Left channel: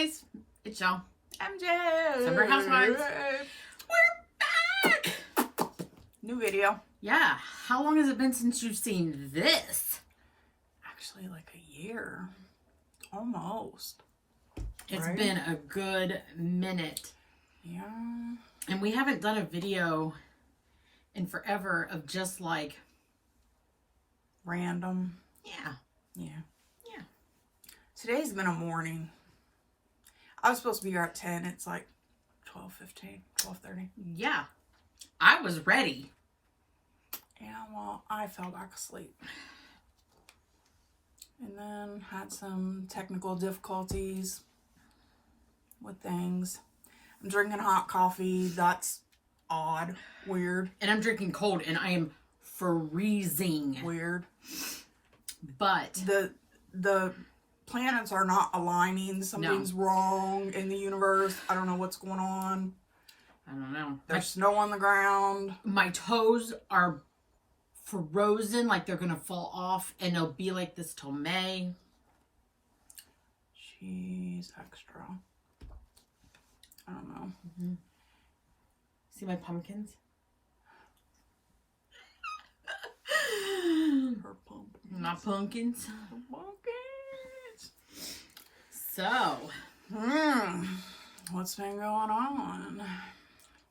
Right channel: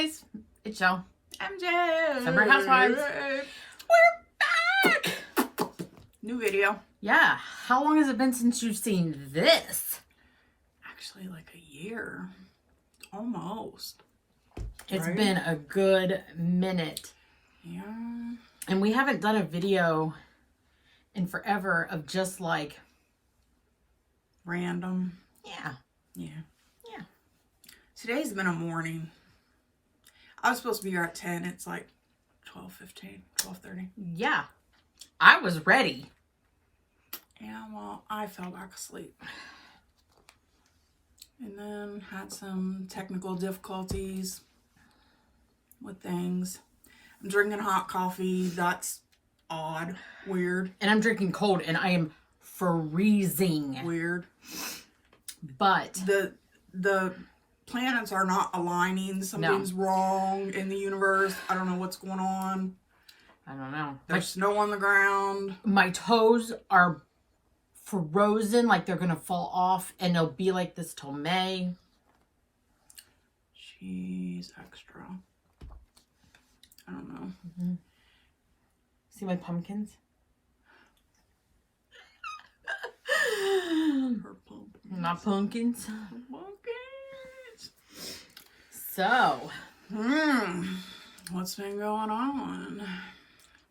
guys, it's Joe. MJ. Sunbury Housewives. We're back. New video. Yeah. How long has it been since you've seen this? Actually, like a year. Almost. It's Right? been a good minute. Yeah. And we haven't done a video in forever of just like... Random. Yeah. Yeah. Yeah. Today's been a morning. I was supposed to be here at 10. It's like 12:15, 12:30. Yeah. I was ready. Yeah, well, I fell back asleep. And then had some technical difficulties with things. I'm drinking hot coffee. That's odd. Weird. And I'm drinking cold and I am freezing. Weird. But the planets are not aligning. Something's wrong in the universe. I don't know what's going on. I don't know. There's snow on the ground. My toes are frozen, like they're gonna fall off, and they'll be like this till May. Cheese extra. I don't know. Mm-hmm. See my pumpkins? Her pumpkins. Not pumpkins. Her pumpkins. So, What's been going on?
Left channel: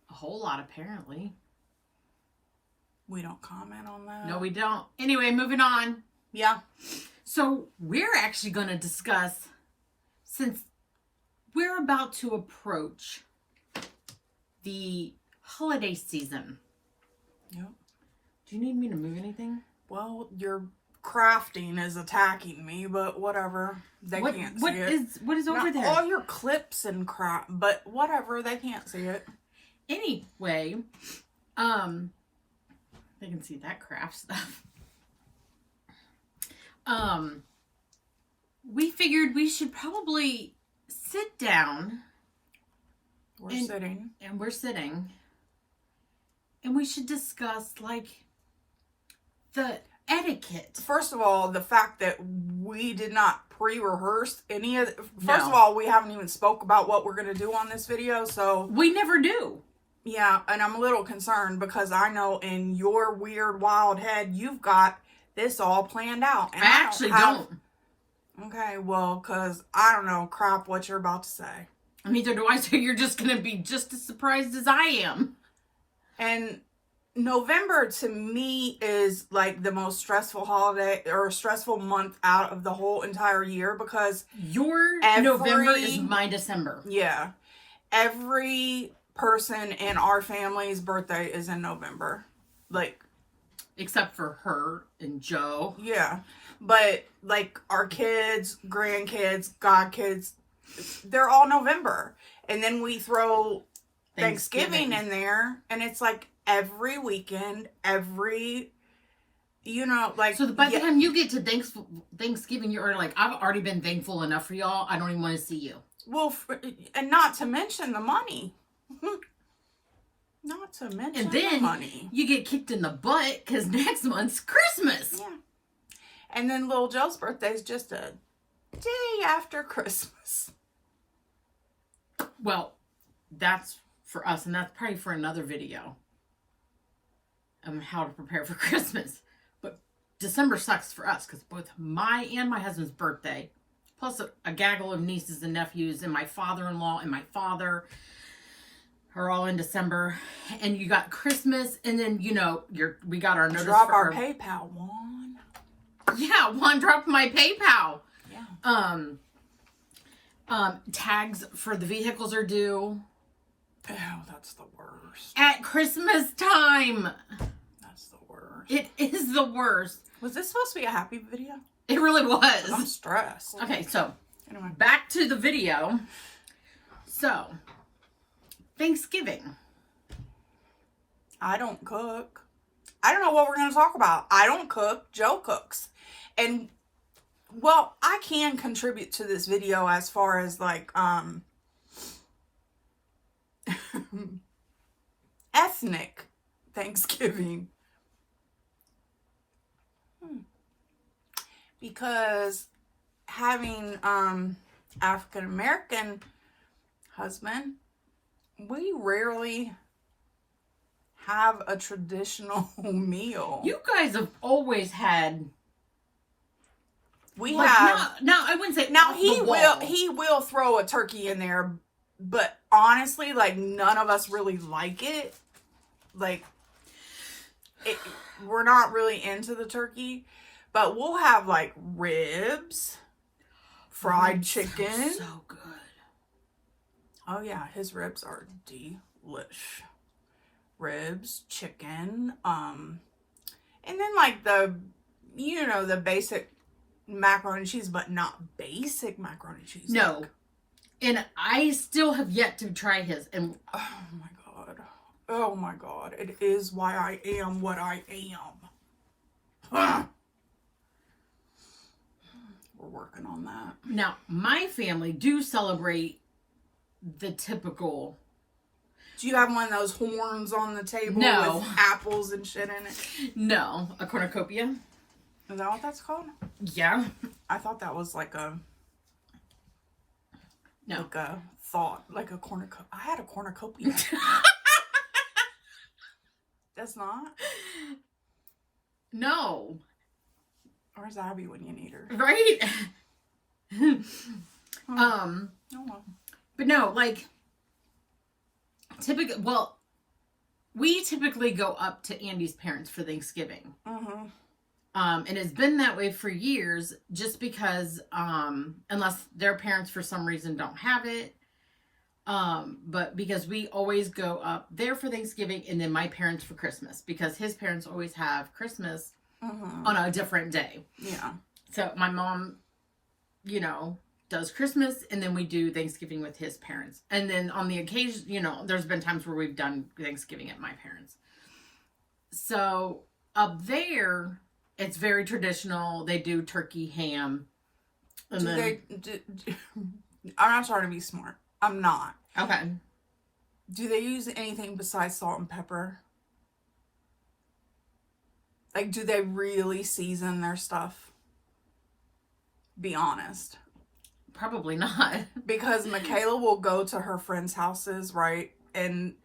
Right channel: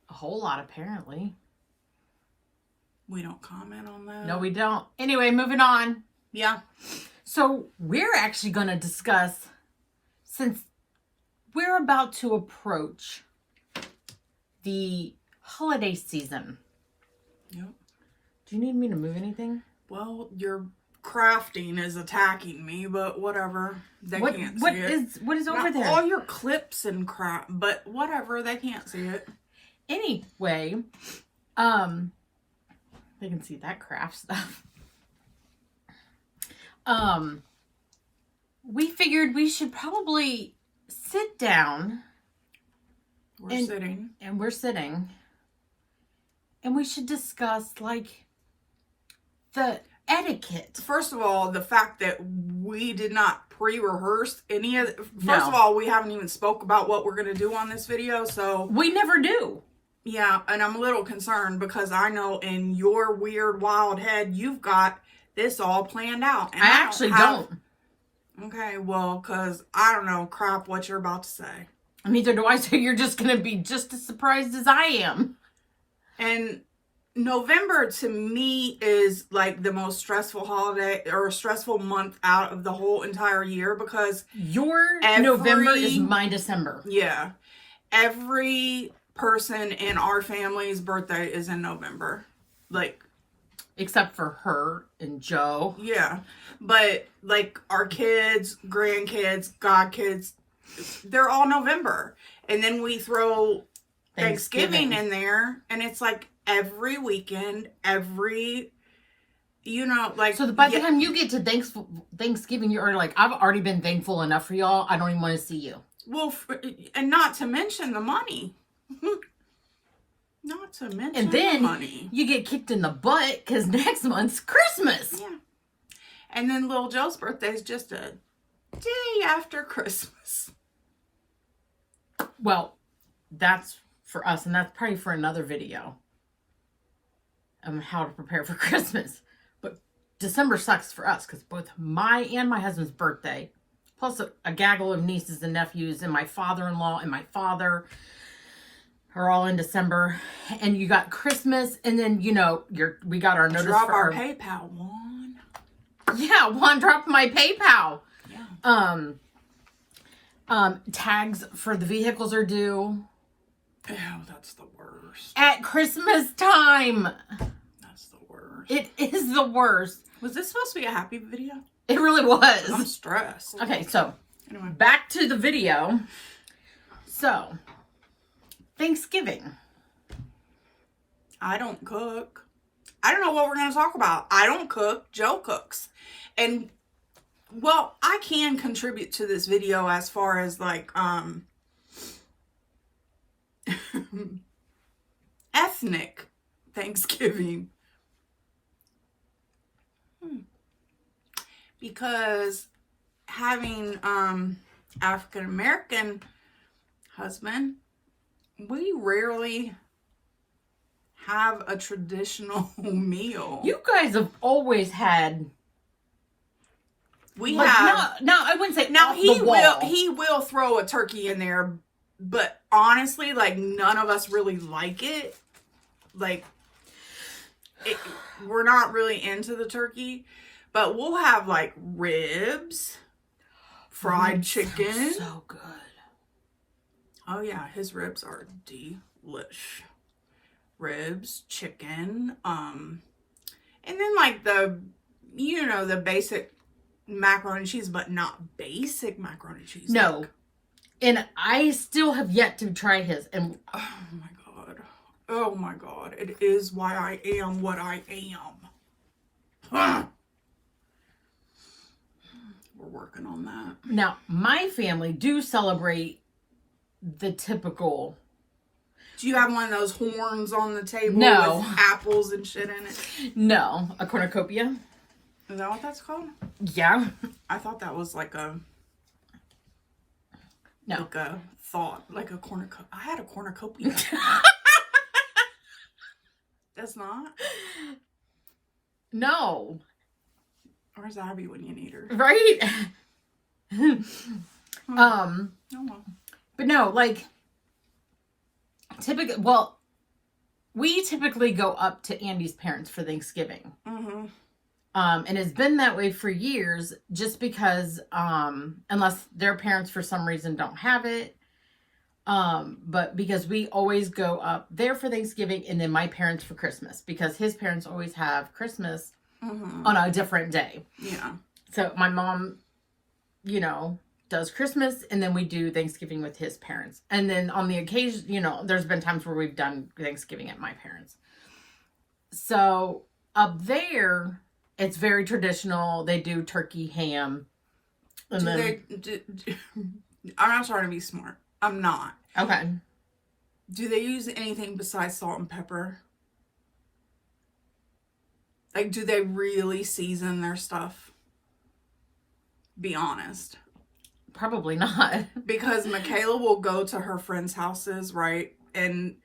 a whole lot apparently. We don't comment on that. No, we don't. Anyway, moving on. Yeah. So, we're actually going to discuss, since we're about to approach the holiday season. Yep. Do you need me to move anything? Well, your crafting is attacking me, but whatever. They can't see it. What is over there? All your clips and crap, but whatever. They can't see it. Anyway, they can see that craft stuff. We figured we should probably sit down. We're sitting. And we're sitting. And we should discuss, like, the etiquette. First of all, the fact that we did not pre-rehearse any of... First No. of all, we haven't even spoke about what we're going to do on this video, so... We never do. Yeah, and I'm a little concerned because I know in your weird, wild head, you've got this all planned out. And I actually don't. Okay, well, because I don't know crap what you're about to say. Neither do I, so you're just going to be just as surprised as I am. And November, to me, is like the most stressful holiday or stressful month out of the whole entire year because... Your November is my December. Yeah. Every person in our family's birthday is in November. Like... Except for her and Joe. Yeah. But, like, our kids, grandkids, godkids, they're all November. And then we throw Thanksgiving in there. And it's, like, every weekend, you know, like... So by the time you get to Thanksgiving, you're like, I've already been thankful enough for y'all. I don't even want to see you. Well, and not to mention the money. Not to mention and then the money. You get kicked in the butt because next month's Christmas. Yeah. And then little Joe's birthday is just a day after Christmas. Well, that's for us, and that's probably for another video on how to prepare for Christmas. But December sucks for us because both my and my husband's birthday, plus a gaggle of nieces and nephews, and my father-in-law and my father are all in December. And you got Christmas, and then, you know, we got our notice Drop for our PayPal, Juan. Yeah, Juan dropped my PayPal. Yeah. Tags for the vehicles are due. Oh, that's the worst. At Christmas time. That's the worst. It is the worst. Was this supposed to be a happy video? It really was. I'm stressed. Okay, so Anyway. back to the video. So, Thanksgiving. I don't cook. I don't know what we're going to talk about. I don't cook. Joe cooks. And, well, I can contribute to this video as far as, like, ethnic Thanksgiving. Because having African American husband, we rarely have a traditional meal. You guys have always had. We like, have. No, I wouldn't say. Now off the wall. he will throw a turkey in there, but honestly, like none of us really like it. Like, we're not really into the turkey, but we'll have like ribs, fried chicken. So good. Oh yeah, his ribs are delish. Ribs, chicken, and then like the basic macaroni and cheese, but not basic macaroni and cheese. No. Like, and I still have yet to try his. And oh my god, it is why I am what I am. We're working on that. Now, my family do celebrate the typical. Do you have one of those horns on the table No. with apples and shit in it? No, a cornucopia. Is that what that's called? Yeah. I thought that was like a like a cornucopia. I had a cornucopia. That's not? No. Where's Abby when you need her? Right? Oh well. But no, like, we typically go up to Andy's parents for Thanksgiving. Mm-hmm. And it's been that way for years, just because, unless their parents for some reason don't have it, but because we always go up there for Thanksgiving and then my parents for Christmas, because his parents always have Christmas on a different day. Yeah. So my mom, does Christmas, and then we do Thanksgiving with his parents. And then on the occasion, there's been times where we've done Thanksgiving at my parents'. So up there, it's very traditional. They do turkey, ham. And I'm not trying to be smart. I'm not. Okay. Do they use anything besides salt and pepper? Like, do they really season their stuff? Be honest. Probably not. Because Michaela will go to her friends' houses, right? And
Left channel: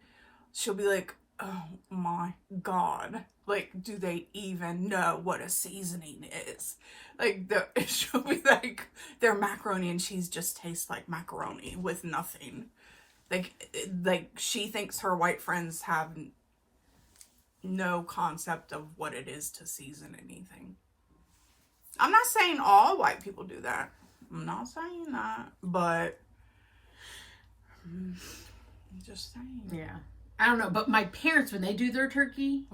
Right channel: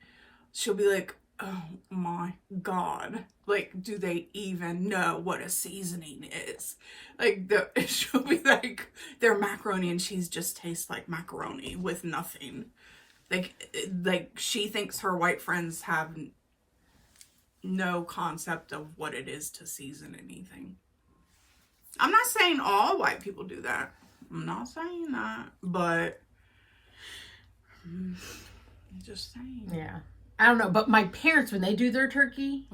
she'll be like, oh my God. Like, do they even know what a seasoning is? Like, she'll be like, their macaroni and cheese just tastes like macaroni with nothing. Like she thinks her white friends have no concept of what it is to season anything. I'm not saying all white people do that. I'm not saying that, but I'm just saying. Yeah. I don't know, but my parents, when they do their turkey,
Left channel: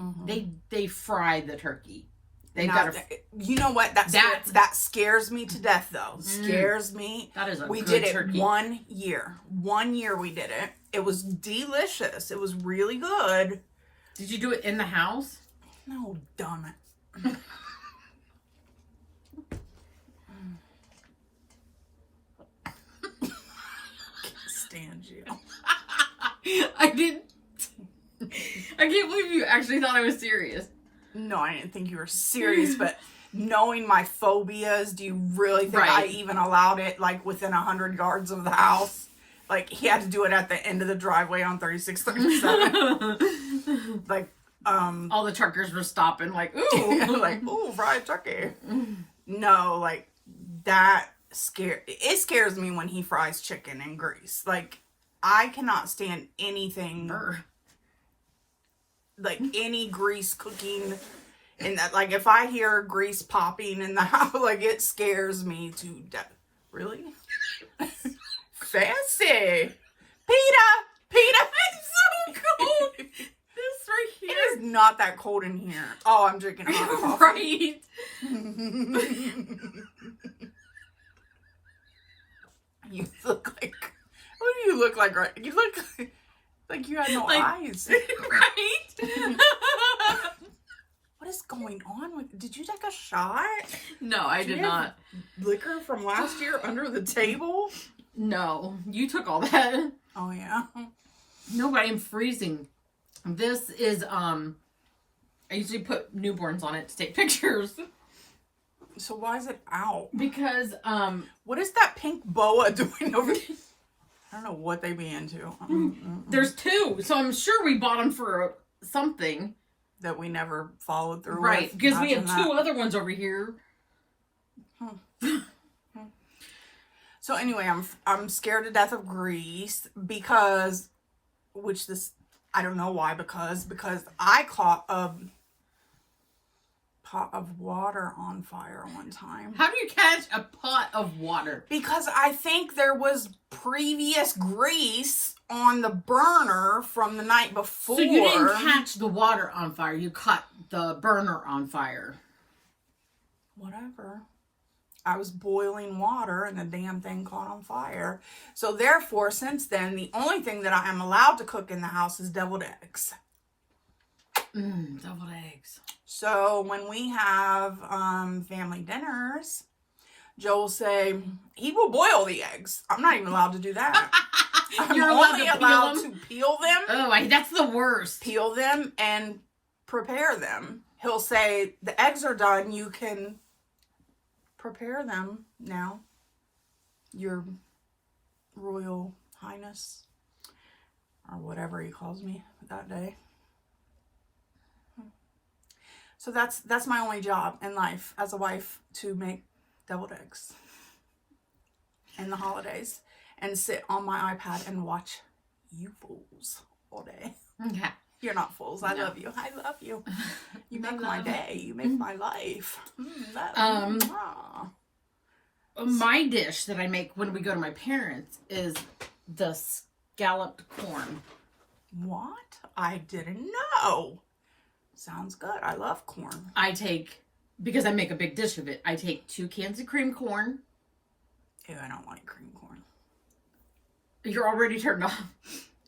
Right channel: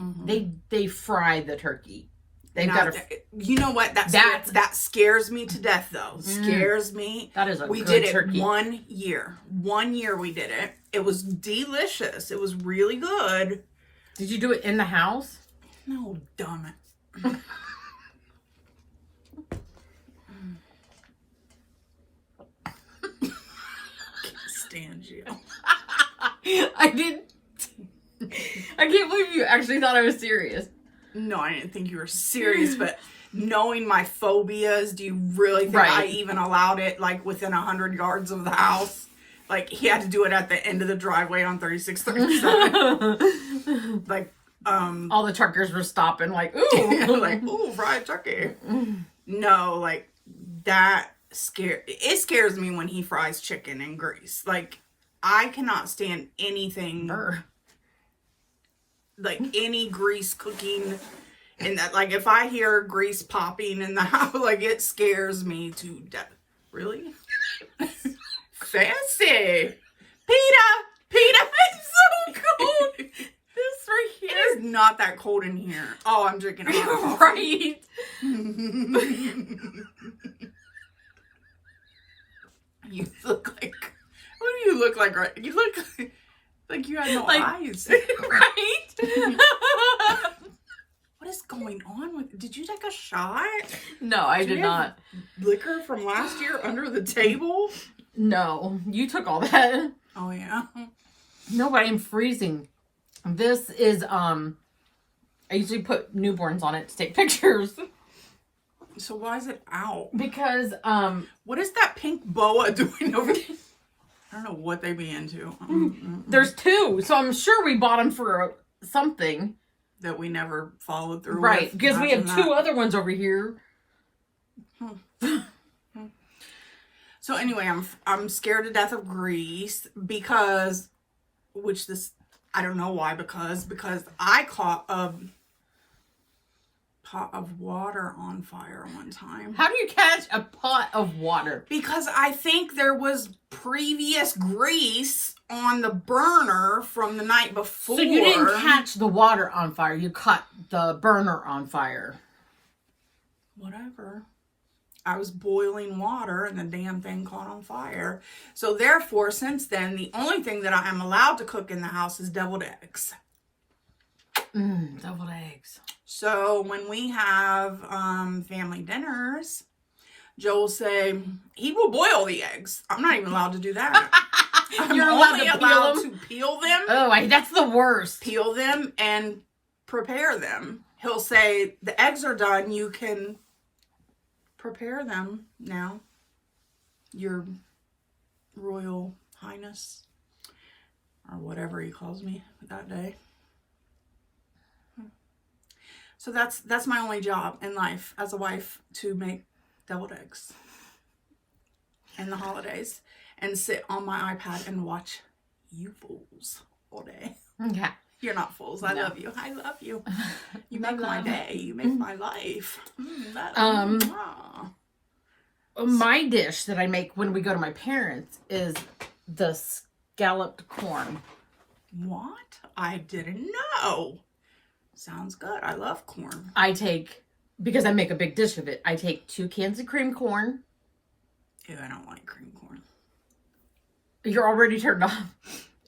they fry the turkey. They've got you know what? That scares me to death, though. Scares me. That is a We good did it turkey. 1 year. 1 year we did it. It was delicious. It was really good. Did you do it in the house? No, dumb it. Stand you. I didn't. I can't believe you actually thought I was serious. No, I didn't think you were serious, but knowing my phobias, do you really think I even allowed it like within 100 yards of the house? Like, he had to do it at the end of the driveway on 3637. Like, all the truckers were stopping like, ooh. like, ooh, fried turkey. No, like, it scares me when he fries chicken in grease. Like, I cannot stand anything like any grease cooking in that. Like, if I hear grease popping in the house, like, it scares me to death. Really? Fancy. Peta, it's so cold. This right here. It is not that cold in here. Oh, I'm drinking hot coffee. Right. You look like, what do you look like? Right? You look like you had no eyes. Right? What is going on with? Did you take a shot? No, I did not. Liquor from last year under the table? No, you took all that. Oh yeah. No, but I'm freezing. This is I usually put newborns on it to take pictures. So why is it out? Because what is that pink boa doing over there? I don't know what they be into. There's 2, so I'm sure we bought them for something that we never followed through right, with. because we have 2 other ones over here. So anyway, I'm scared to death of grease because, I don't know why, because I caught a pot of water on fire one time. How do you catch a pot of water? Because I think there was previous grease on the burner from the night before. So you didn't catch the water on fire, you caught the burner on fire. Whatever. I was boiling water and the damn thing caught on fire. So therefore, since then, the only thing that I am allowed to cook in the house is deviled eggs. Deviled eggs. So when we have family dinners, Joe will say, he will boil the eggs. I'm not even allowed to do that. I'm only allowed to peel them. Oh, that's the worst. Peel them and prepare them. He'll say, the eggs are done. You can prepare them now, Your Royal Highness, or whatever he calls me that day. So that's my only job in life as a wife, to make deviled eggs in the holidays and sit on my iPad and watch you fools all day. Okay. You're not fools. I love you. I love you. You make my day. You make my life. My dish that I make when we go to my parents is the scalloped corn. What? I didn't know. Sounds good. I love corn. Because I make a big dish of it, I take 2 cans of cream corn. Ew, I don't like cream corn. You're already turned off.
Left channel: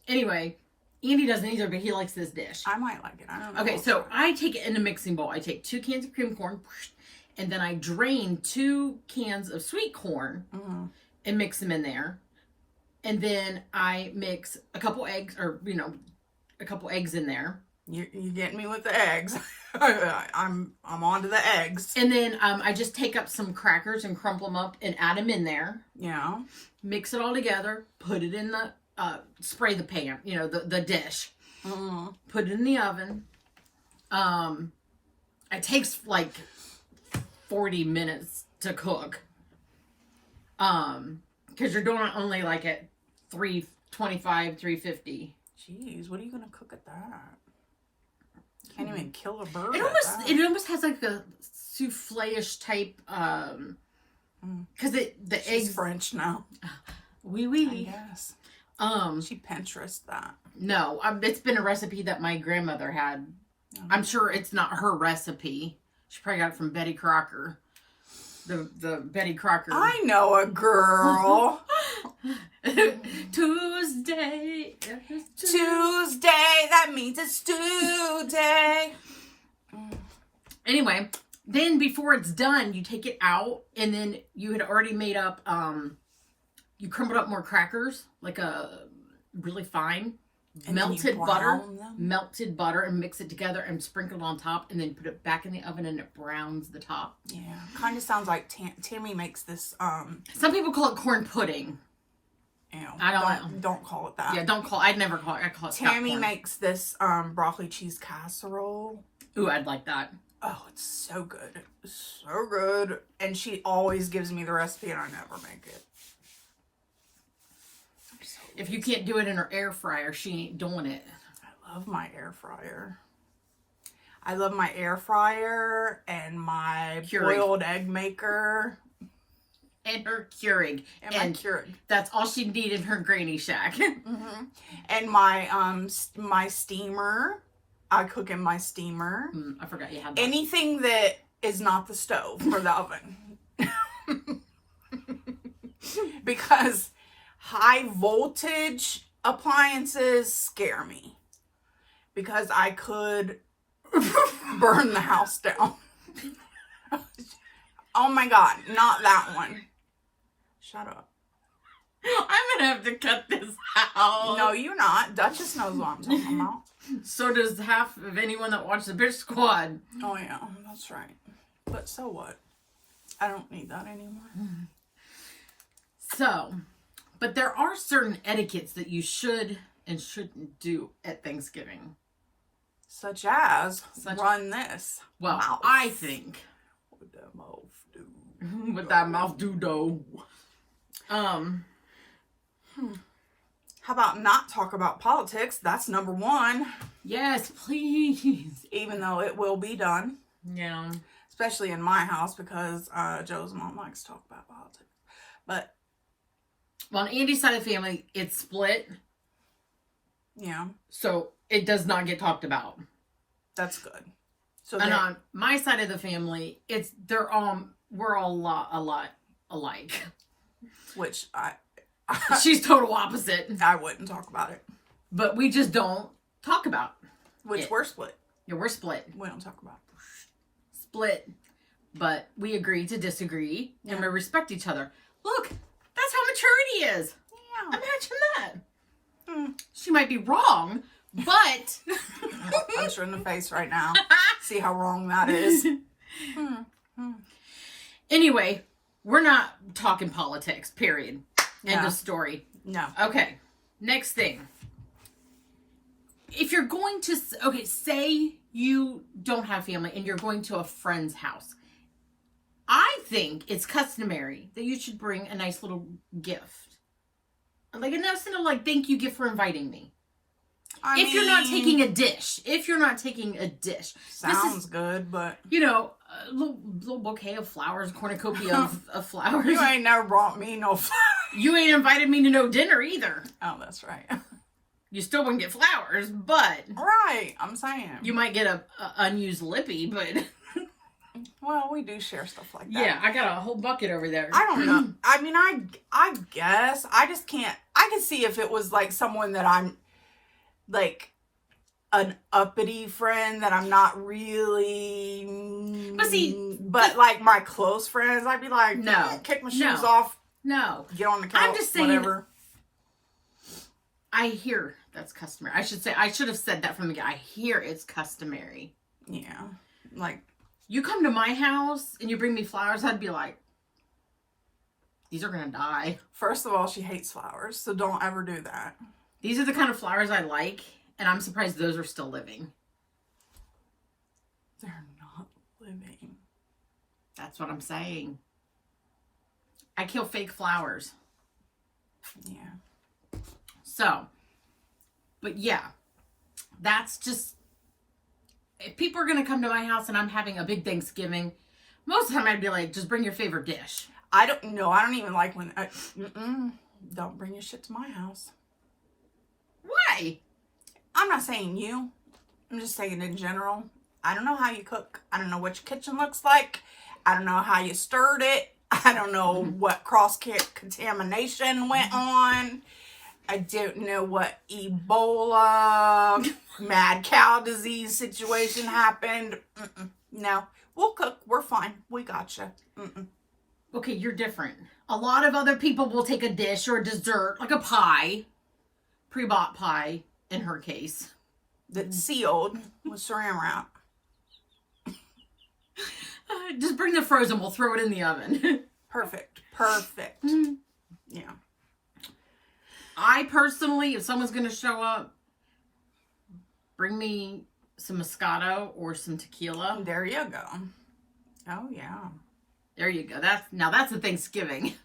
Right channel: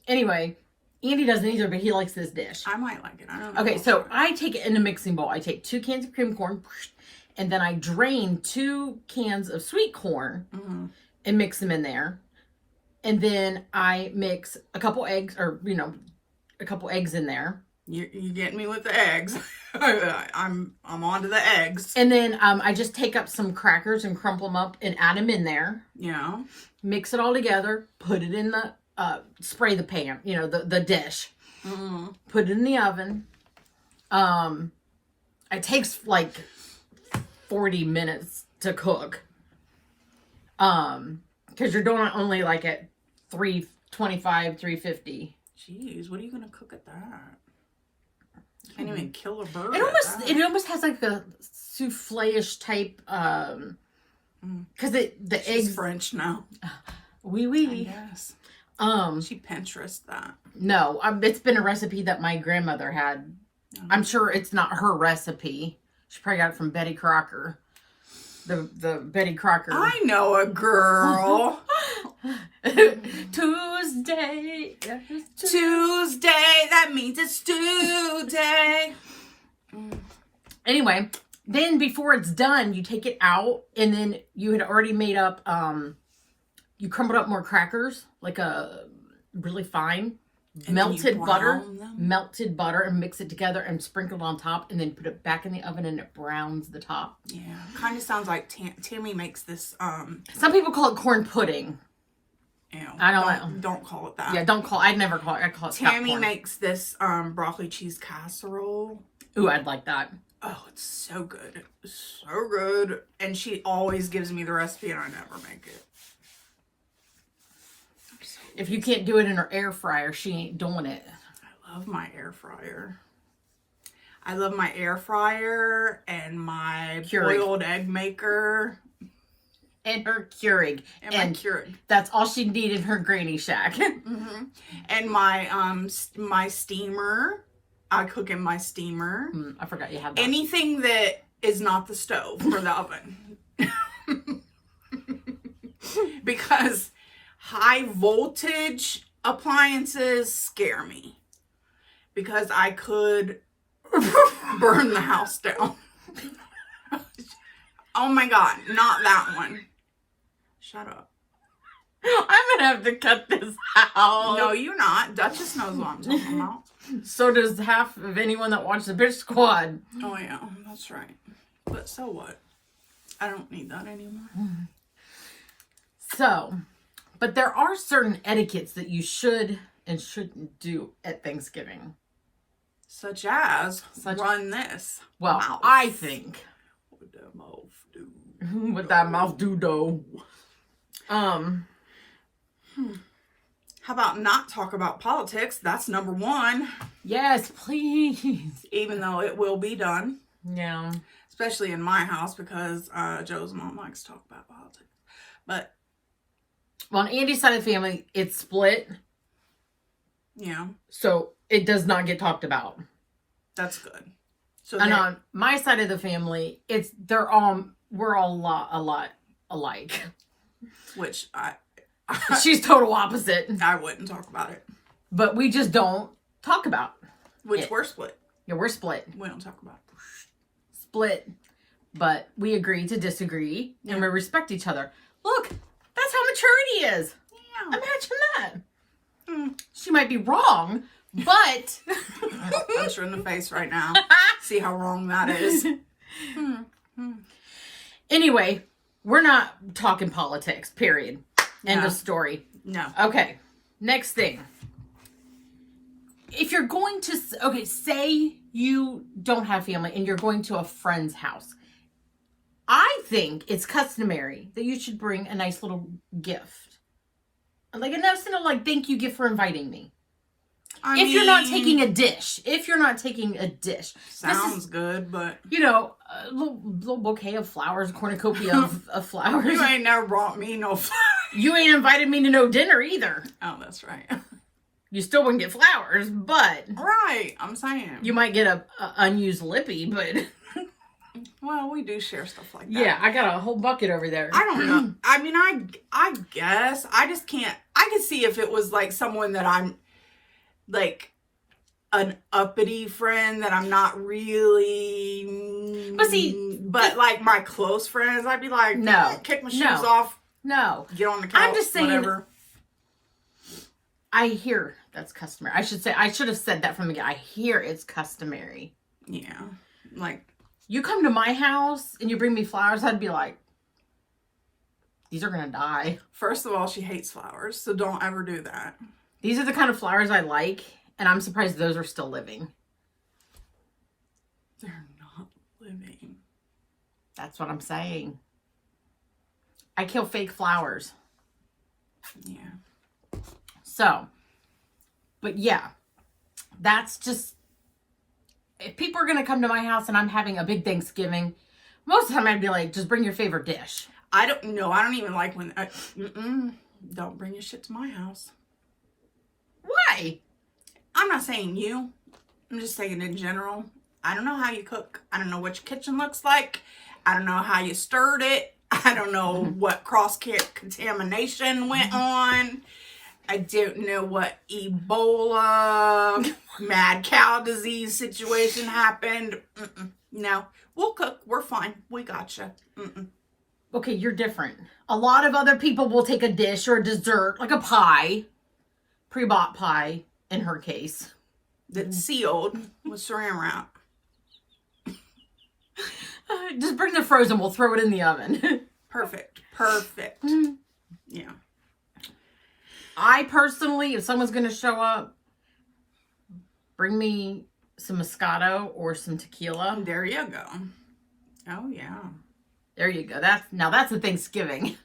Anyway, Andy doesn't either, but he likes this dish. I might like it. I don't know. Okay, so I take it in a mixing bowl. I take 2 cans of cream corn, and then I drain 2 cans of sweet corn and mix them in there. And then I mix a couple eggs, or, a couple eggs in there. You're getting me with the eggs. I'm on to the eggs. And then I just take up some crackers and crumple them up and add them in there. Yeah. Mix it all together. Put it in the, spray the pan, the dish. Put it in the oven. It takes like 40 minutes to cook. Because you're doing it only like at 325, 350. Jeez, what are you going to cook at that? Can't even kill a bird. It almost has like a souffle-ish type, because the eggs French now. Oui. I guess. She Pinterest that. No, it's been a recipe that my grandmother had. I'm sure it's not her recipe. She probably got it from Betty Crocker. The Betty Crocker. I know a girl. Tuesday. That means it's Tuesday. Anyway, then before it's done, you take it out, and then you had already made up, you crumbled up more crackers, like a really fine, and melted butter, and mix it together and sprinkle it on top, and then put it back in the oven, and it browns the top. Yeah, kind of sounds like Tammy makes this. Some people call it corn pudding. Ew, I don't call it that. Yeah, don't call. I'd never call it. I call it. Tammy makes this broccoli cheese casserole. Ooh, I'd like that. Oh, it's so good. So good. And she always gives me the recipe and I never make it. If you can't do it in her air fryer, she ain't doing it. I love my air fryer. I love my air fryer and my boiled egg maker. And her Keurig. And my Keurig. That's all she needed in her granny shack. And my my steamer. I cook in my steamer. I forgot you have that. Anything that is not the stove or the oven. Because high voltage appliances scare me. Because I could burn the house down. Oh my God, not that one. Shut up. I'm gonna have to cut this out. No, you're not. Duchess knows what I'm talking about. So does half of anyone that watches the Bitch Squad. Oh yeah, that's right. But so what? I don't need that anymore. So, but there are certain etiquettes that you should and shouldn't do at Thanksgiving. Such as run this. Well, mouth. I think. What that mouth do? What that mouth do, though. How about not talk about politics? That's number one. Yes, please. Even though it will be done. Yeah. Especially in my house because Joe's mom likes to talk about politics. But well, on Andy's side of the family, it's split. Yeah. So it does not get talked about. That's good. So and on my side of the family, we're all a lot alike. Which she's total opposite. I wouldn't talk about it. But we just don't talk about which we're split. Yeah, we're split. We don't talk about it. Split. But we agree to disagree and we respect each other. Look, that's how maturity is. Yeah. Imagine that. She might be wrong, but punch her in the face right now. See how wrong that is. Anyway, we're not talking politics, period. End of story. No. Okay, next thing. If you're going to, say you don't have family and you're going to a friend's house, I think it's customary that you should bring a nice little gift. Like a nice little, thank you gift for inviting me. If you're not taking a dish. Sounds good, but... a little bouquet of flowers, a cornucopia of flowers. You ain't never brought me no flowers. You ain't invited me to no dinner either. Oh, that's right. You still wouldn't get flowers, but... Right, I'm saying. You might get a unused lippy, but... Well, we do share stuff like that. Yeah, I got a whole bucket over there. I don't know. I mean, I guess. I just can't... I can see if it was, someone that I'm, an uppity friend that I'm not really... But, my close friends, I'd be like, no. Kick my shoes off. No. Get on the couch, I'm just saying, whatever. I hear that's customary. I should have said that from the beginning. I hear it's customary. Yeah. You come to my house and you bring me flowers, I'd be like, these are going to die. First of all, she hates flowers, so don't ever do that. These are the kind of flowers I like, and I'm surprised those are still living. They're not living. That's what I'm saying. I kill fake flowers. Yeah. So, but yeah, that's just, if people are going to come to my house and I'm having a big Thanksgiving, most of the time I'd be like, just bring your favorite dish. I don't even like when, don't bring your shit to my house. Why? I'm not saying you. I'm just saying in general. I don't know how you cook. I don't know what your kitchen looks like. I don't know how you stirred it. I don't know what cross-contamination went on. I don't know what Ebola, mad cow disease situation happened. No, we'll cook. We're fine. We gotcha. Okay, you're different. A lot of other people will take a dish or a dessert, like a pie, pre-bought pie in her case, that's sealed with saran wrap. Just bring the frozen. We'll throw it in the oven. Perfect. Yeah. I personally, if someone's going to show up, bring me some Moscato or some tequila. There you go. Oh, yeah. There you go. That's a Thanksgiving.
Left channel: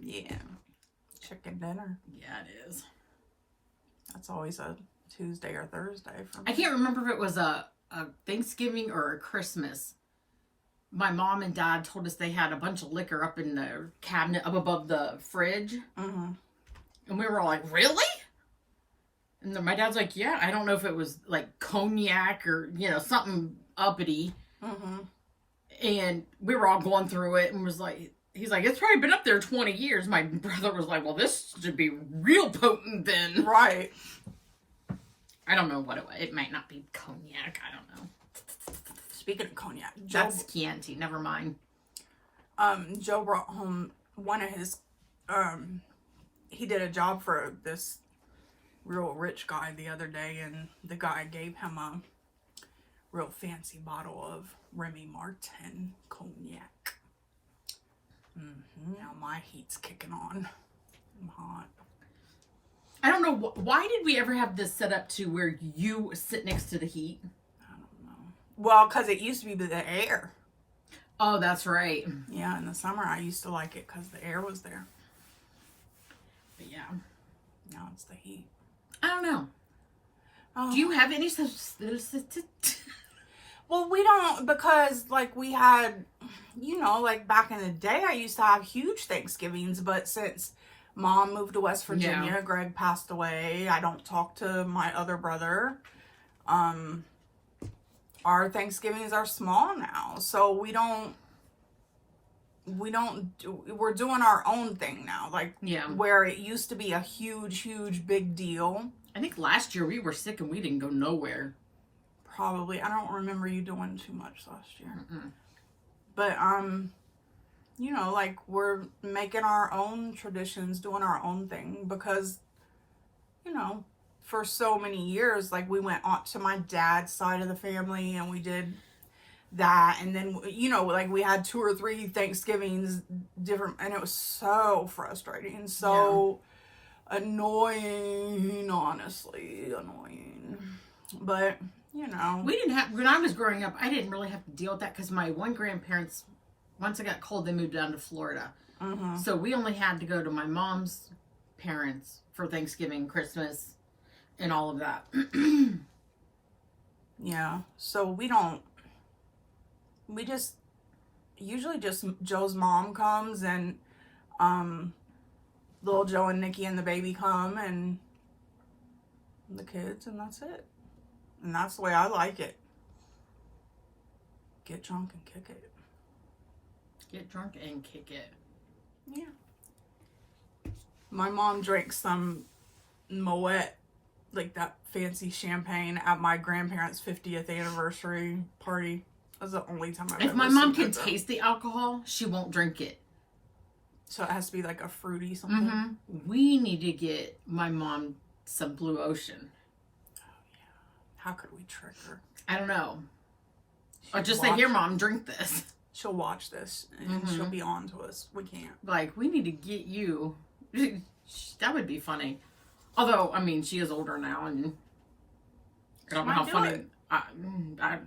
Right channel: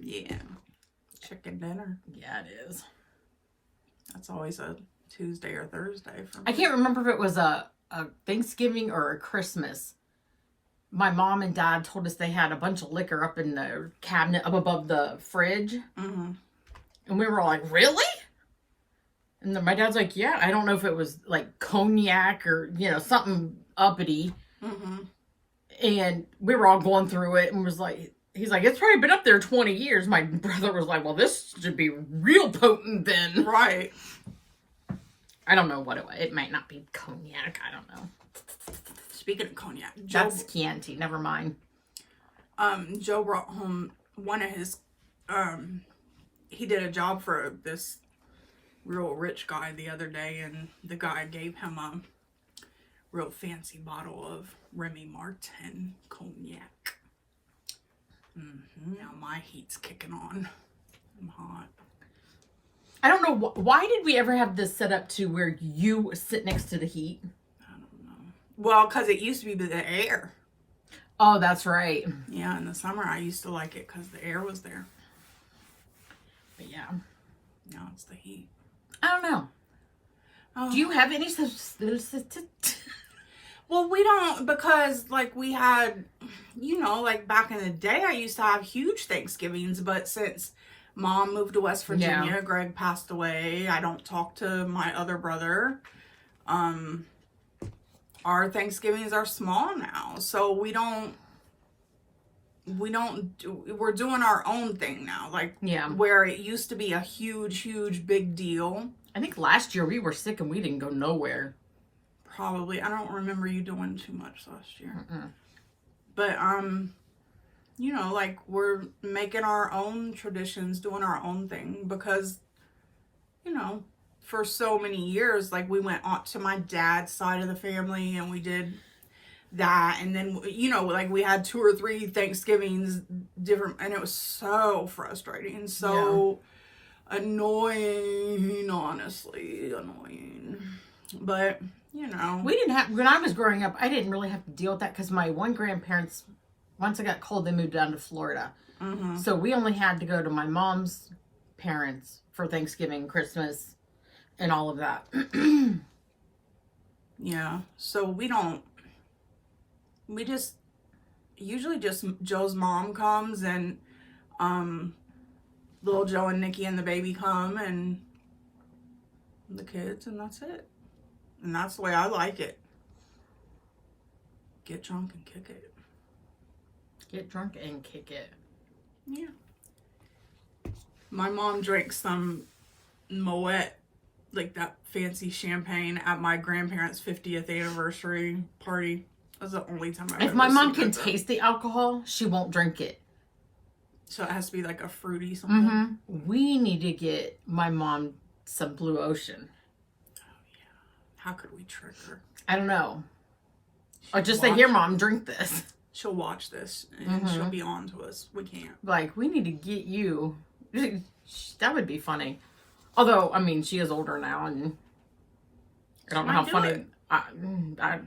Yeah. Chicken dinner. Yeah, it is. That's always a Tuesday or Thursday for me. I can't remember if it was a Thanksgiving or a Christmas. My mom and dad told us they had a bunch of liquor up in the cabinet up above the fridge. And we were all like, really? And then my dad's like, yeah, I don't know if it was like cognac or, something uppity. And we were all going through it and was like, he's like, it's probably been up there 20 years. My brother was like, well, this should be real potent then. Right. I don't know what it was. It might not be cognac. I don't know. Speaking of cognac, that's Chianti. Never mind. Joe brought home one of his, he did a job for this real rich guy the other day, and the guy gave him a real fancy bottle of Remy Martin cognac. Now my heat's kicking on. I'm hot. I don't know, why did we ever have this set up to where you sit next to the heat? I don't know. Well, because it used to be the air. Oh, that's right. Yeah, in the summer I used to like it because the air was there. But yeah. Now it's the heat. I don't know. Oh. Do you have any such... Well, we don't, because like we had, you know, like back in the day I used to have huge Thanksgivings, but since Mom moved to West Virginia, Yeah. Greg passed away, I don't talk to my other brother. Our Thanksgivings are small now, so we're doing our own thing now, like where it used to be a huge big deal. I think last year we were sick and we didn't go nowhere. Probably. I don't remember you doing too much last year. Mm-mm. But you know, like we're making our own traditions, doing our own thing, because, you know, for so many years, like we went on to my dad's side of the family and we did that, and then, you know, like we had 2 or 3 Thanksgivings different, and it was so frustrating, so annoying, honestly annoying. But you know, we didn't have, when I was growing up, I didn't really have to deal with that because my one grandparents, once it got cold, they moved down to Florida. So we only had to go to my mom's parents for Thanksgiving, Christmas, and all of that. Yeah, so we just usually just Joe's mom comes, and little Joe and Nikki and the baby come, and the kids, and that's it. And that's the way I like it. Get drunk and kick it. Get drunk and kick it. Yeah. My mom drank some Moet, like that fancy champagne, at my grandparents' 50th anniversary party. That was the only time I've ever If my mom seen can that. taste the alcohol, she won't drink it. So it has to be like a fruity something. We need to get my mom some Blue Ocean. How could we trick her? I don't know. Or just say, here, Mom, drink this. She'll watch this and she'll be on to us. We can't. Like, we need to get you. That would be funny. Although, I mean, she is older now, and I don't know how funny. I don't know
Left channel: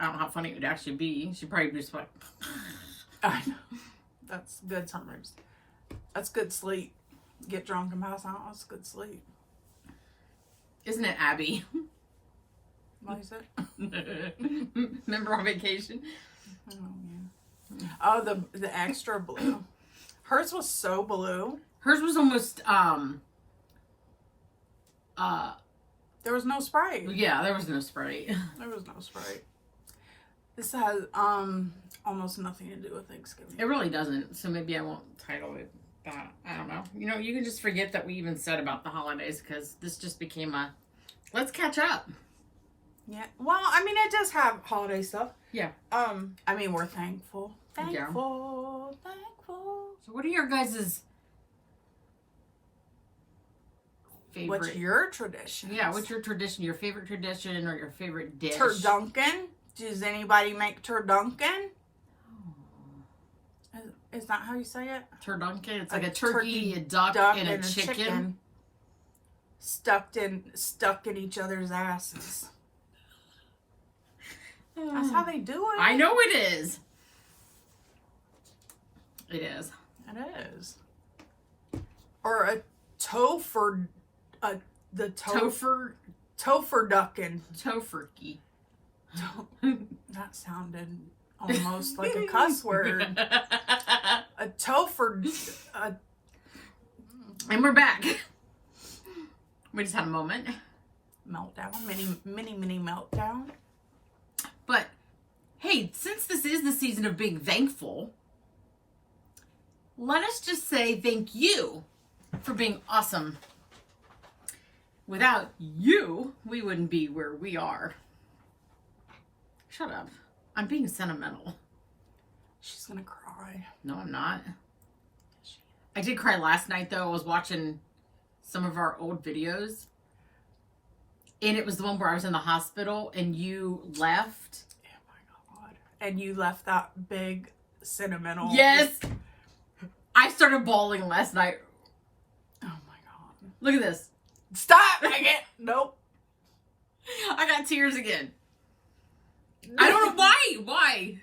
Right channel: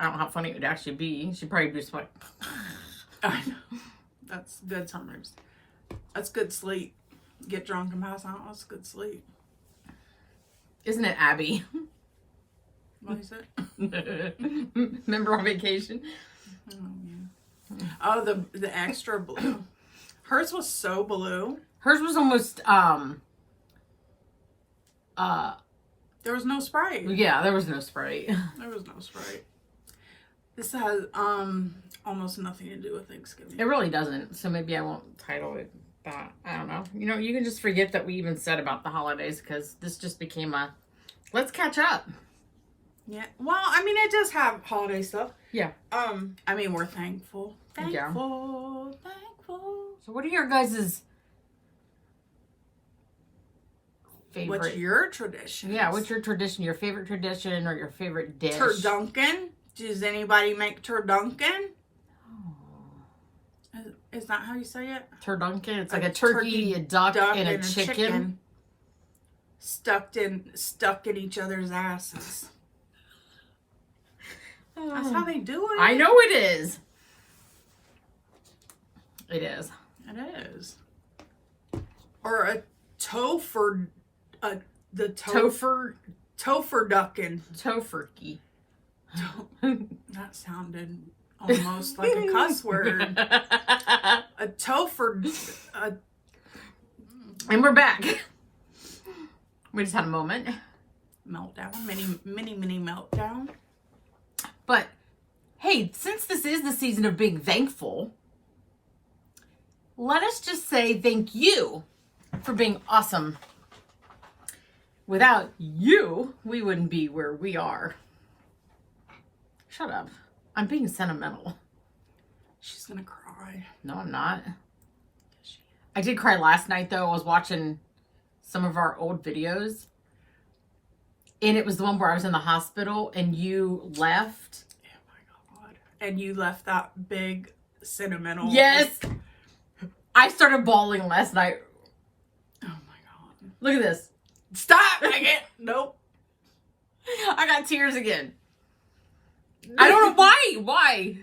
how funny it would actually be. She'd probably be just like, I know. That's good sometimes. That's good sleep. Get drunk and pass out. That's good sleep. Isn't it Abby? What is it? Remember on Vacation? Oh, yeah. Oh, the extra blue. Hers was so blue. Hers was almost, there was no Sprite. yeah, there was no Sprite. There was no Sprite. This has, almost nothing to do with Thanksgiving. It really doesn't, so maybe I won't title it that. I don't know. You know, you can just forget that we even said about the holidays, because this just became a, let's catch up. Yeah. Well, I mean, it does have holiday stuff. Yeah. I mean, we're thankful. Thankful. So what are your guys' favorite? What's your tradition? Yeah, what's your tradition? Your favorite tradition or your favorite dish? Turduncan. Does anybody make turduncan? Oh. Is that how you say it? Turduncan. It's like a turkey, a duck, and a chicken. Stuck in each other's asses. That's how they do it. I know it is. It is. It is. Or a topher, the topher duckin. Tofurkey. That sounded almost like a cuss word. A topher. And we're back. We just had a moment. Meltdown. Mini meltdown. But, hey, since this is the season of being thankful, let us just say thank you for being awesome. Without you, we wouldn't be where we are. Shut up. I'm being sentimental. She's gonna cry. No, I'm not. I did cry last night, though. I was watching some of our old videos. And it was the one where I was in the hospital and you left. Oh my God. And you left that big sentimental. Yes. I started bawling last night. Oh my God. Look at this. Stop. I can't. Nope. I got tears again. I don't know why. Why?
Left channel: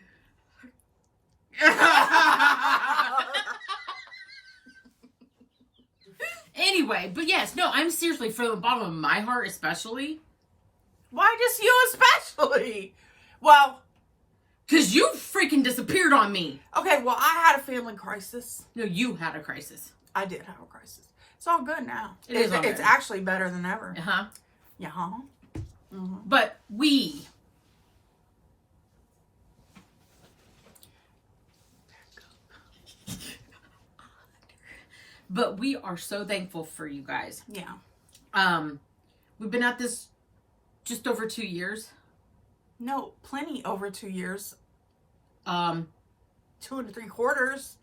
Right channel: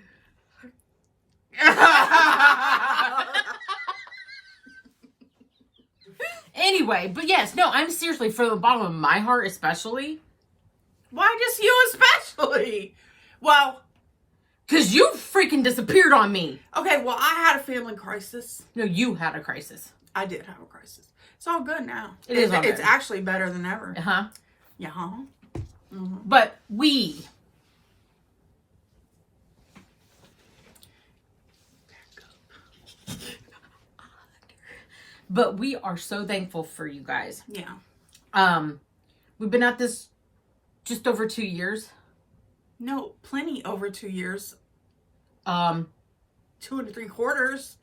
Anyway, but yes, no, I'm seriously, from the bottom of my heart especially. Why just you especially? Well, because you freaking disappeared on me. Okay, well, I had a family crisis. No, you had a crisis. I did have a crisis. It's all good now. It's actually better than ever. Uh-huh. Yeah. Mm-hmm. But we... But we are so thankful for you guys. Yeah. We've been at this just over 2 years. No, plenty over 2 years. 2 3/4.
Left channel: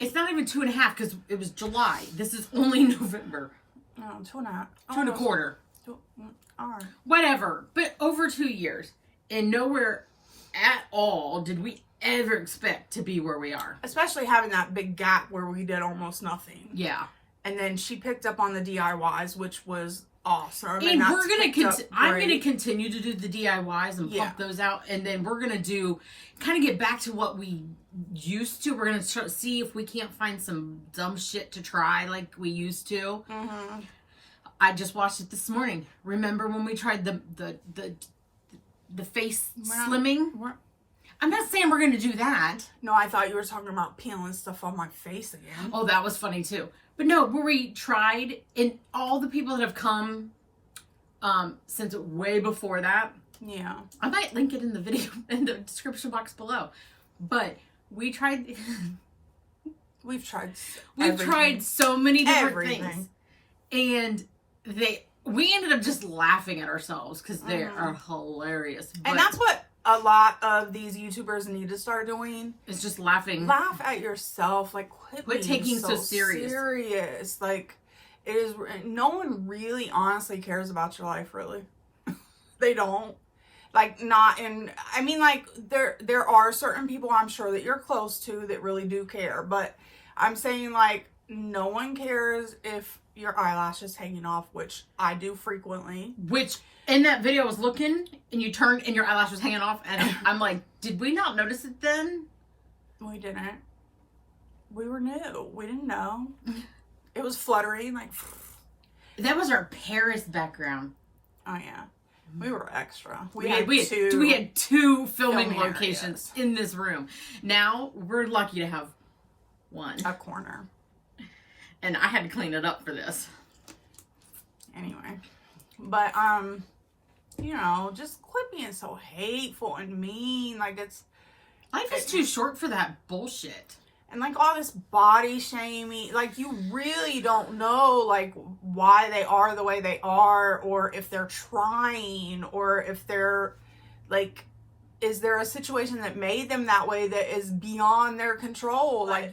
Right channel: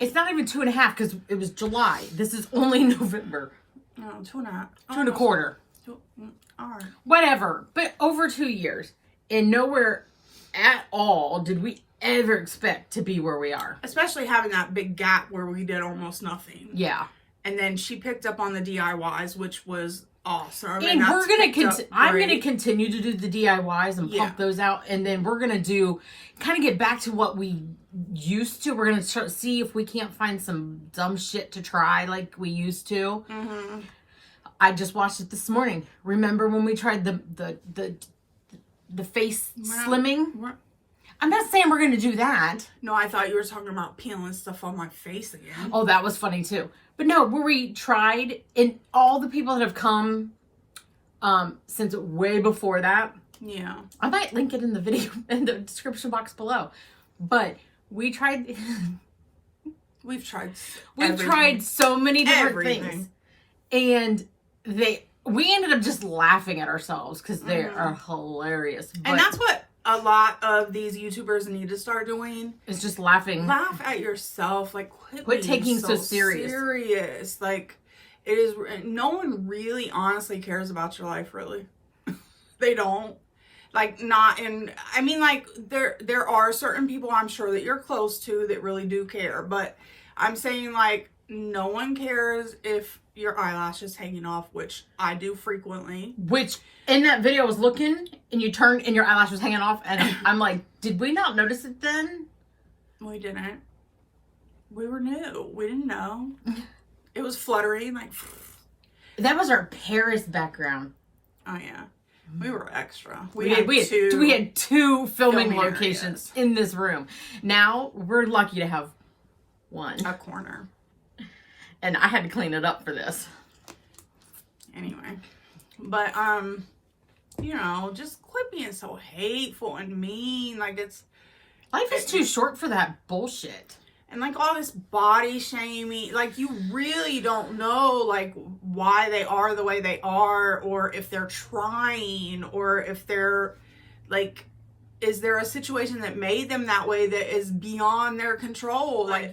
It's not even 2.5 because it was July. This is only November. No, 2.5. 2.25. All right. Whatever. But over 2 years. And nowhere at all did we ever expect to be where we are. Especially having that big gap where we did almost nothing. Yeah. And then she picked up on the DIYs, which was awesome. And we're gonna I'm gonna continue to do the DIYs and pump those out, and then we're gonna kind of get back to what we used to. We're gonna see if we can't find some dumb shit to try like we used to. Mm-hmm. I just watched it this morning. Remember when we tried the face slimming? I'm not saying we're gonna do that. No, I thought you were talking about peeling stuff on my face again. Oh, that was funny too. But no, where we tried, and all the people that have come since way before that. Yeah. I might link it in the video, in the description box below. But we tried. We've tried so many different things. And we ended up just laughing at ourselves because they are hilarious. And that's what a lot of these YouTubers need to start doing. It's just laughing. Laugh at yourself. Like, quit taking so serious. Like, it is. No one really honestly cares about your life, really. They don't. Like, not in. I mean, like, there are certain people I'm sure that you're close to that really do care. But I'm saying, like, no one cares if your eyelash is hanging off, which I do frequently. Which, in that video, I was looking, and you turned, and your eyelash was hanging off, and I'm like, did we not notice it then? We didn't. We were new. We didn't know. It was fluttering, like... That was our Paris background. Oh, yeah. We were extra. We had two filming locations in this room. Now, we're lucky to have one. A corner. And I had to clean it up for this. Anyway. But, you know, just quit being so hateful and mean. Like, life is too short for that bullshit. And, like, all this body shaming. Like, you really don't know, like, why they are the way they are. Or if they're trying. Or if they're, like, is there a situation that made them that way that is beyond their control? Like,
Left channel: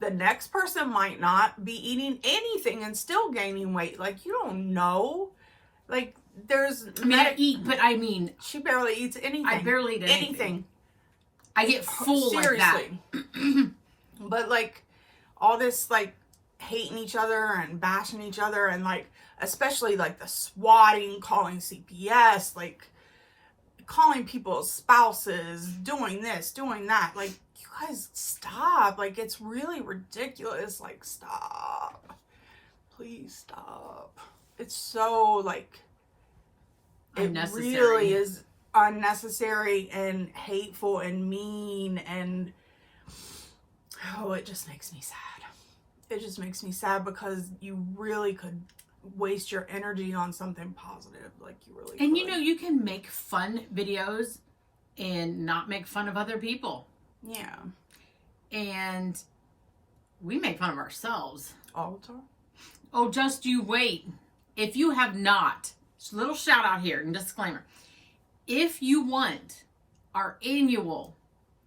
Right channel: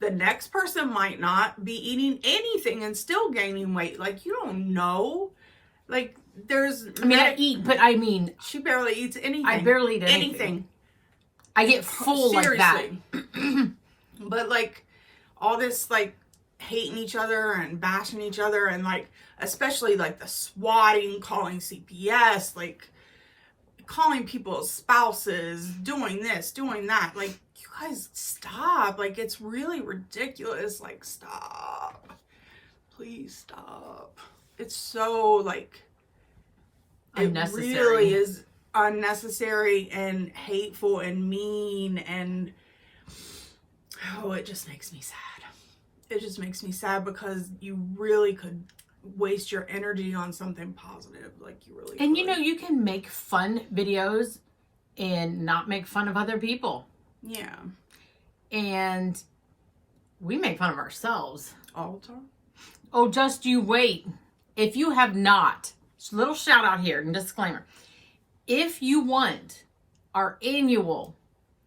the next person might not be eating anything and still gaining weight. Like, you don't know. Like, there's... I mean, I eat, but I mean... She barely eats anything. I barely eat anything. I get full Seriously. like that. But, like, all this, like, hating each other and bashing each other and, like, especially, like, the swatting, calling CPS, like, calling people's spouses, doing this, doing that. Like, you guys, stop. Like, it's really ridiculous. Like, stop. Please stop. It's so, like, it really is unnecessary and hateful and mean, and oh, it just makes me sad. It just makes me sad because you really could waste your energy on something positive. Like, you really could. And, you know, you can make fun videos and not make fun of other people. Yeah. And we make fun of ourselves. All the time. Oh, just you wait. If you have not, little shout out here and disclaimer. If you want our annual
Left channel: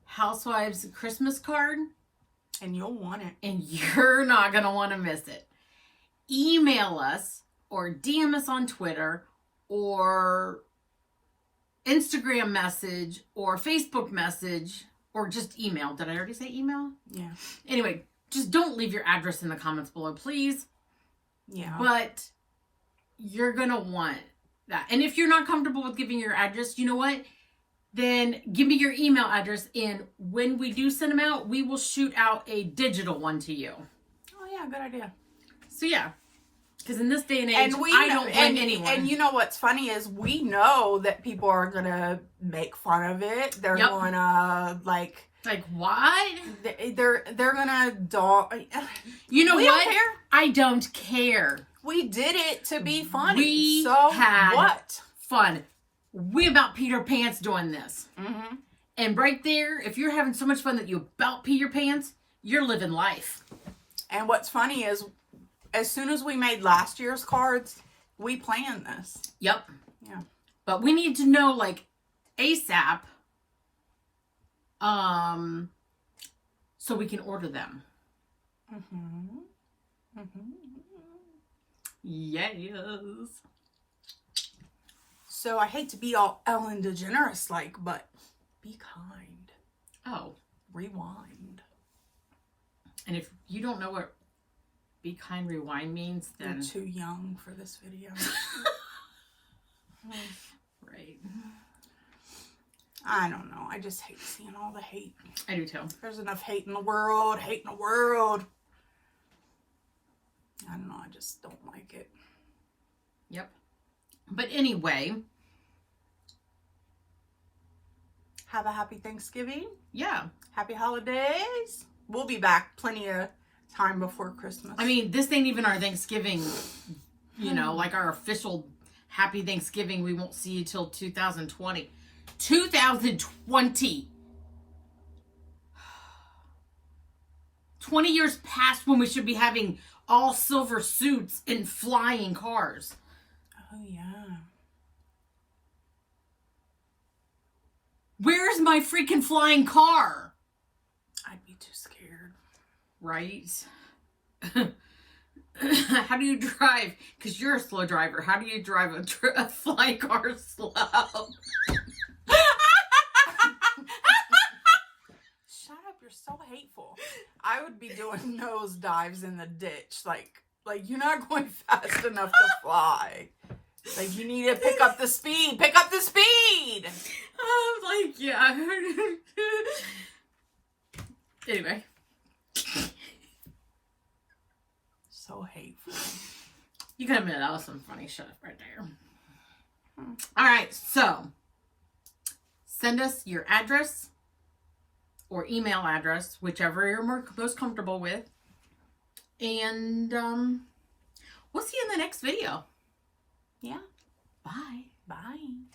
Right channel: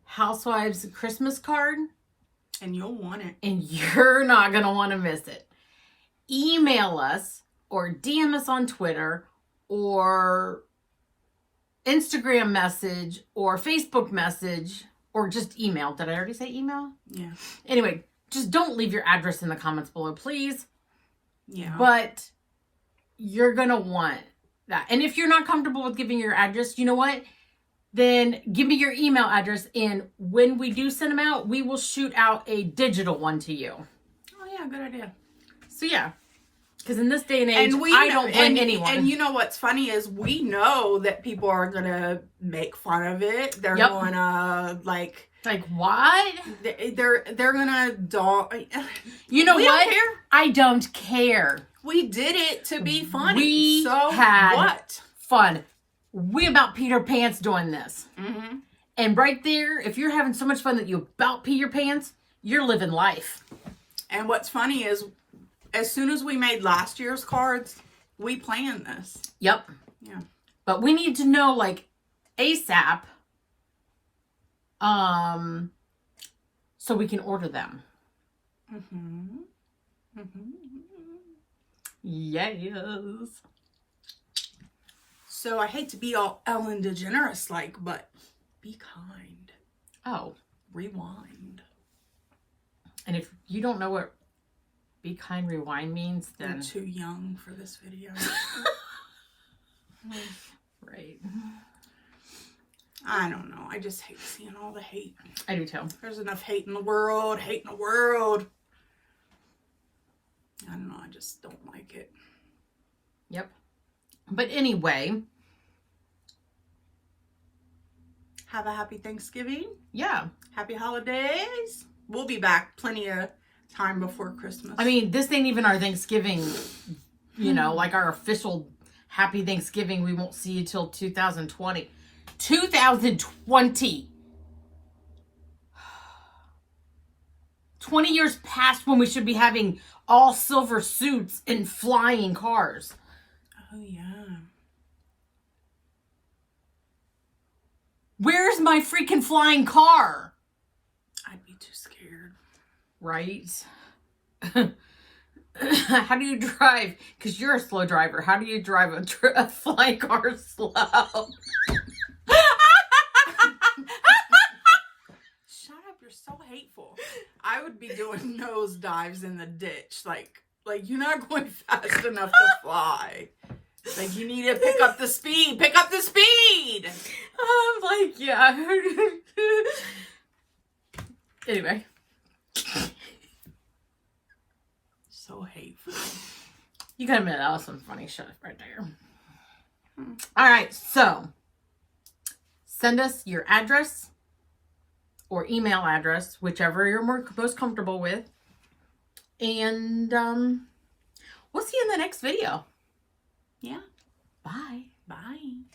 Housewives Christmas card, and you'll want it, and you're not going to want to miss it, email us or DM us on Twitter or Instagram message or Facebook message or just email. Did I already say email? Yeah. Anyway, just don't leave your address in the comments below, please. Yeah. But you're going to want that. And if you're not comfortable with giving your address, you know what? Then give me your email address. And when we do send them out, we will shoot out a digital one to you. Oh, yeah. Good idea. So, yeah. Because in this day and age, I don't blame anyone. And you know what's funny is we know that people are going to make fun of it. They're going to, like... Like, what? They're gonna You know we what? Don't care. I don't care. We did it to be funny. We so had what? Fun. We about peed our pants doing this. Mm-hmm. And right there, if you're having so much fun that you about pee your pants, you're living life. And what's funny is, as soon as we made last year's cards, we planned this. Yep. Yeah. But we need to know, like, ASAP. So we can order them. Mm-hmm. Mm-hmm. Yes. So I hate to be all Ellen DeGeneres like, but be kind. Oh. Rewind. And if you don't know what be kind rewind means, then... You're too young for this video. Right. I don't know. I just hate seeing all the hate. I do too. There's enough hate in the world. Hate in the world. I don't know. I just don't like it. Yep. But anyway. Have a happy Thanksgiving. Yeah. Happy holidays. We'll be back plenty of time before Christmas. I mean, this ain't even our Thanksgiving, you know, like our official happy Thanksgiving. We won't see you till 2020. 2020. 20 years past when we should be having all silver suits and flying cars. Oh, yeah. Where's my freaking flying car? I'd be too scared. Right? How do you drive? Because you're a slow driver. How do you drive a flying car slow? Shut up, you're so hateful. I would be doing nose dives in the ditch. Like you're not going fast enough to fly. Like, you need to pick up the speed. Pick up the speed! I'm like, yeah. Anyway. So hateful. You gotta admit, that was some funny shit right there. Alright, so. Send us your address or email address, whichever you're most comfortable with. And we'll see you in the next video. Yeah. Bye. Bye.